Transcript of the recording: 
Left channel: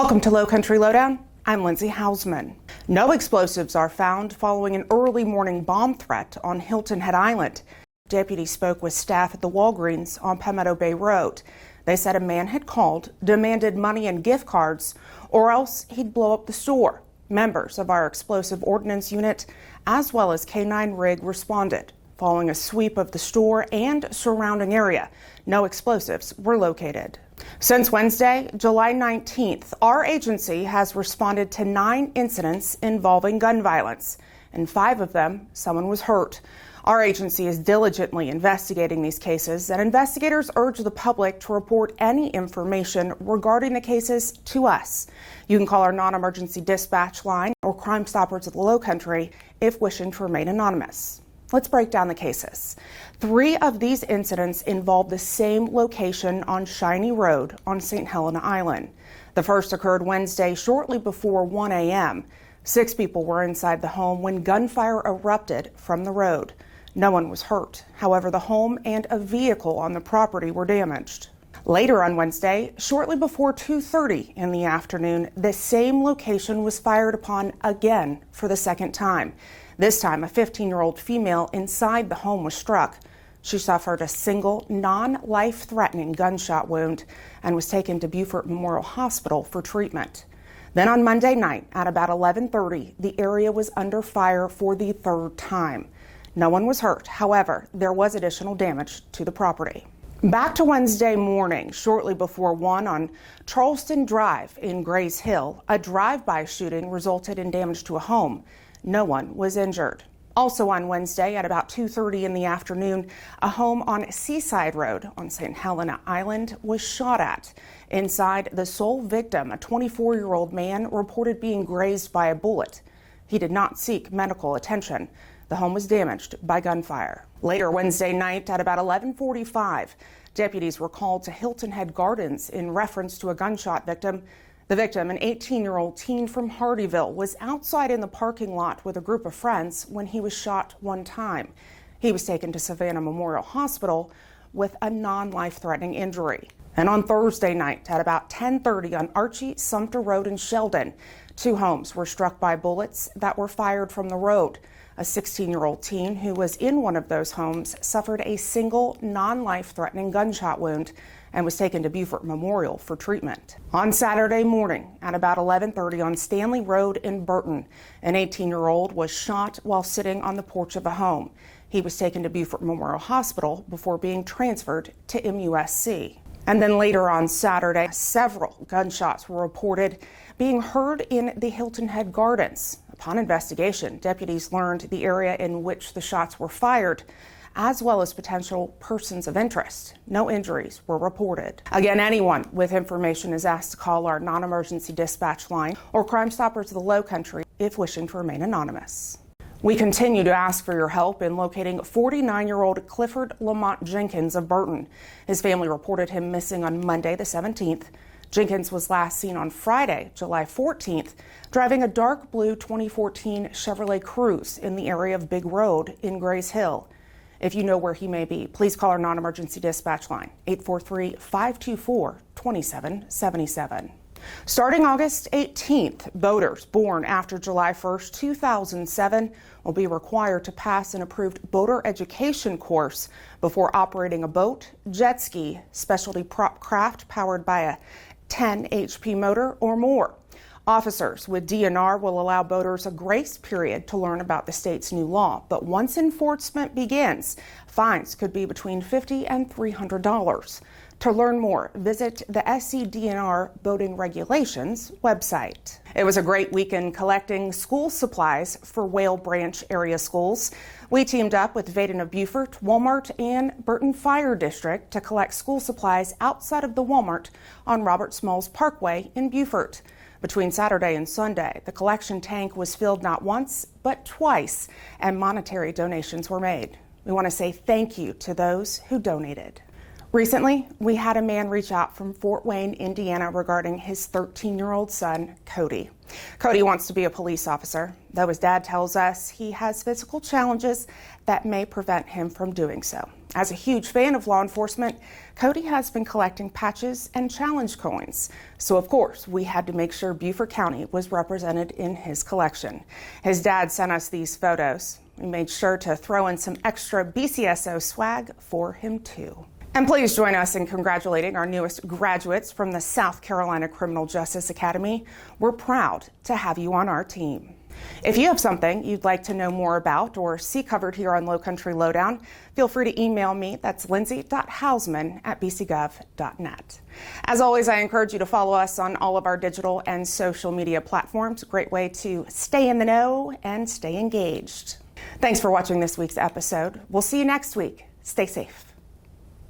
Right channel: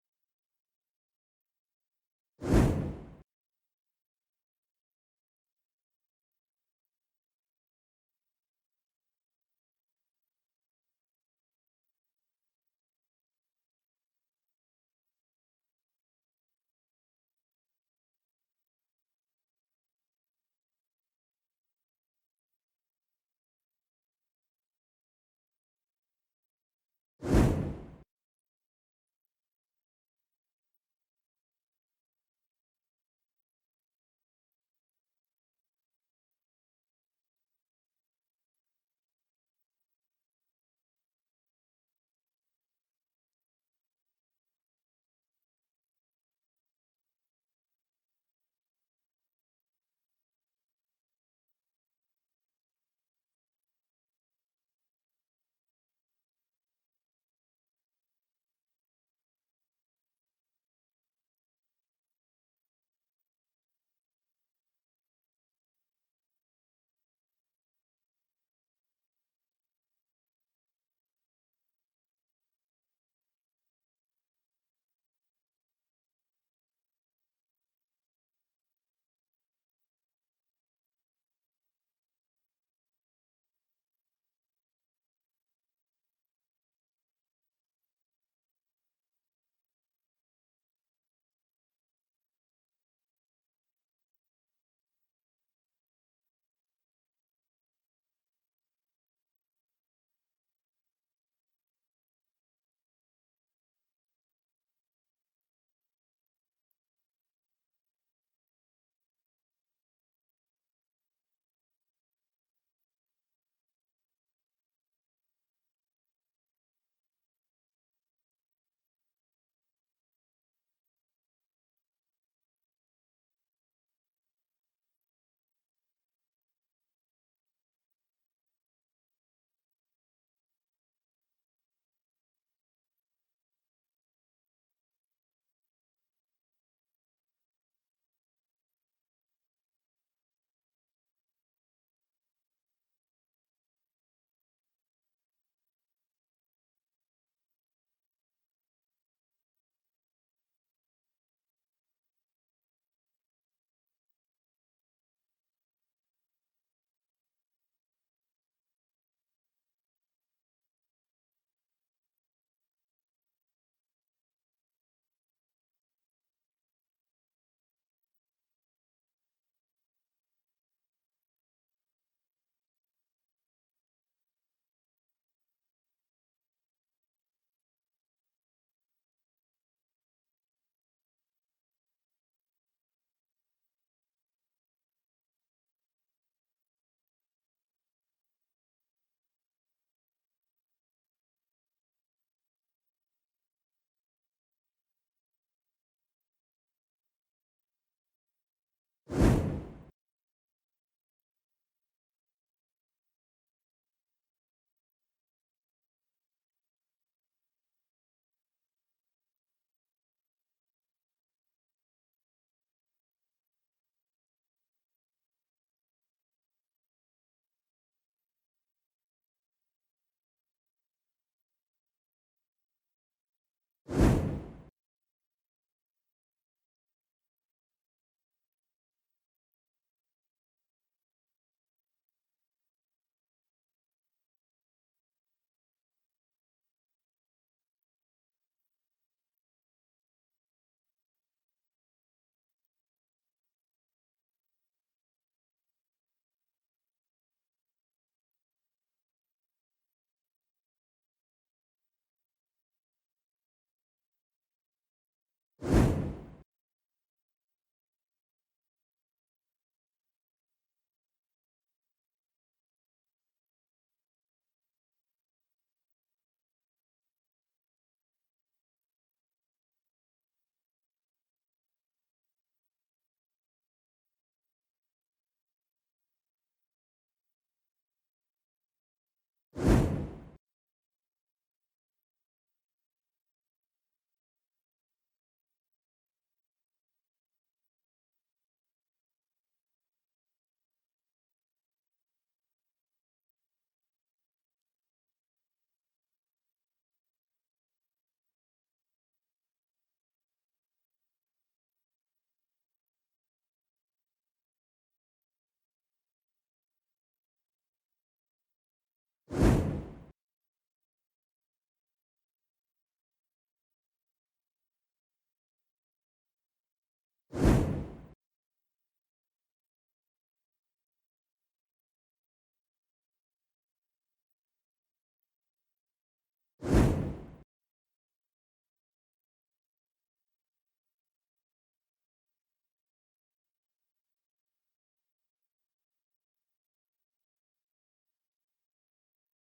Welcome to Lowcountry Lowdown. I'm Lindsay Hausman. No explosives are found following an early morning bomb threat on Hilton Head Island. Deputies spoke with staff at the Walgreens on Palmetto Bay Road. They said a man had called, demanded money and gift cards, or else he'd blow up the store. Members of our explosive ordnance unit, as well as K9 rig, responded. Following a sweep of the store and surrounding area, no explosives were located. Since Wednesday, July 19th, our agency has responded to 9 incidents involving gun violence. In 5 of them, someone was hurt. Our agency is diligently investigating these cases, and investigators urge the public to report any information regarding the cases to us. You can call our non-emergency dispatch line or Crime Stoppers of the Lowcountry if wishing to remain anonymous. Let's break down the cases. 3 of these incidents involved the same location on Shiny Road on St. Helena Island. The first occurred Wednesday shortly before 1 a.m. 6 people were inside the home when gunfire erupted from the road. No one was hurt. However, the home and a vehicle on the property were damaged. Later on Wednesday, shortly before 2:30 in the afternoon, the same location was fired upon again for the second time. This time, a 15-year-old female inside the home was struck. She suffered a single, non-life-threatening gunshot wound and was taken to Beaufort Memorial Hospital for treatment. Then on Monday night at about 11:30, the area was under fire for the 3rd time. No one was hurt. However, there was additional damage to the property. Back to Wednesday morning, shortly before 1 on Charleston Drive in Grays Hill, a drive-by shooting resulted in damage to a home. No one was injured. Also on Wednesday at about 2:30 in the afternoon, a home on Seaside Road on St. Helena Island was shot at. Inside, the sole victim, a 24-year-old man, reported being grazed by a bullet. He did not seek medical attention. The home was damaged by gunfire. Later Wednesday night at about 11:45, deputies were called to Hilton Head Gardens in reference to a gunshot victim. The victim, an 18-year-old teen from Hardyville, was outside in the parking lot with a group of friends when he was shot 1 time. He was taken to Savannah Memorial Hospital with a non-life-threatening injury. And on Thursday night at about 10:30 on Archie Sumter Road in Sheldon, 2 homes were struck by bullets that were fired from the road. A 16-year-old teen who was in one of those homes suffered a single non-life-threatening gunshot wound and was taken to Beaufort Memorial for treatment. On Saturday morning at about 11:30 on Stanley Road in Burton, an 18-year-old was shot while sitting on the porch of a home. He was taken to Beaufort Memorial Hospital before being transferred to MUSC. And then later on Saturday, several gunshots were reported being heard in the Hilton Head Gardens. Upon investigation, deputies learned the area in which the shots were fired, as well as potential persons of interest. No injuries were reported. Again, anyone with information is asked to call our non-emergency dispatch line or Crime Stoppers of the Lowcountry if wishing to remain anonymous. We continue to ask for your help in locating 49-year-old Clifford Lamont Jenkins of Burton. His family reported him missing on Monday the 17th. Jenkins was last seen on Friday, July 14th, driving a dark blue 2014 Chevrolet Cruze in the area of Big Road in Grays Hill. If you know where he may be, please call our non-emergency dispatch line, 843-524-2777. Starting August 18th, boaters born after July 1st, 2007 will be required to pass an approved boater education course before operating a boat, jet ski, specialty prop craft powered by a 10 HP motor or more. Officers with DNR will allow boaters a grace period to learn about the state's new law, but once enforcement begins, fines could be between $50 and $300. To learn more, visit the SCDNR Boating Regulations website. It was a great weekend collecting school supplies for Whale Branch area schools. We teamed up with Vaden of Beaufort, Walmart, and Burton Fire District to collect school supplies outside of the Walmart on Robert Smalls Parkway in Beaufort. Between Saturday and Sunday, the collection tank was filled not once, but twice, and monetary donations were made. We want to say thank you to those who donated. Recently, we had a man reach out from Fort Wayne, Indiana regarding his 13-year-old son, Cody. Cody wants to be a police officer, though his dad tells us he has physical challenges that may prevent him from doing so. As a huge fan of law enforcement, Cody has been collecting patches and challenge coins, so of course we had to make sure Beaufort County was represented in his collection. His dad sent us these photos. We made sure to throw in some extra BCSO swag for him too. And please join us in congratulating our newest graduates from the South Carolina Criminal Justice Academy. We're proud to have you on our team. If you have something you'd like to know more about or see covered here on Lowcountry Lowdown, feel free to email me. That's lindsay.hausman@bcgov.net. As always, I encourage you to follow us on all of our digital and social media platforms. A great way to stay in the know and stay engaged. Thanks for watching this week's episode. We'll see you next week. Stay safe.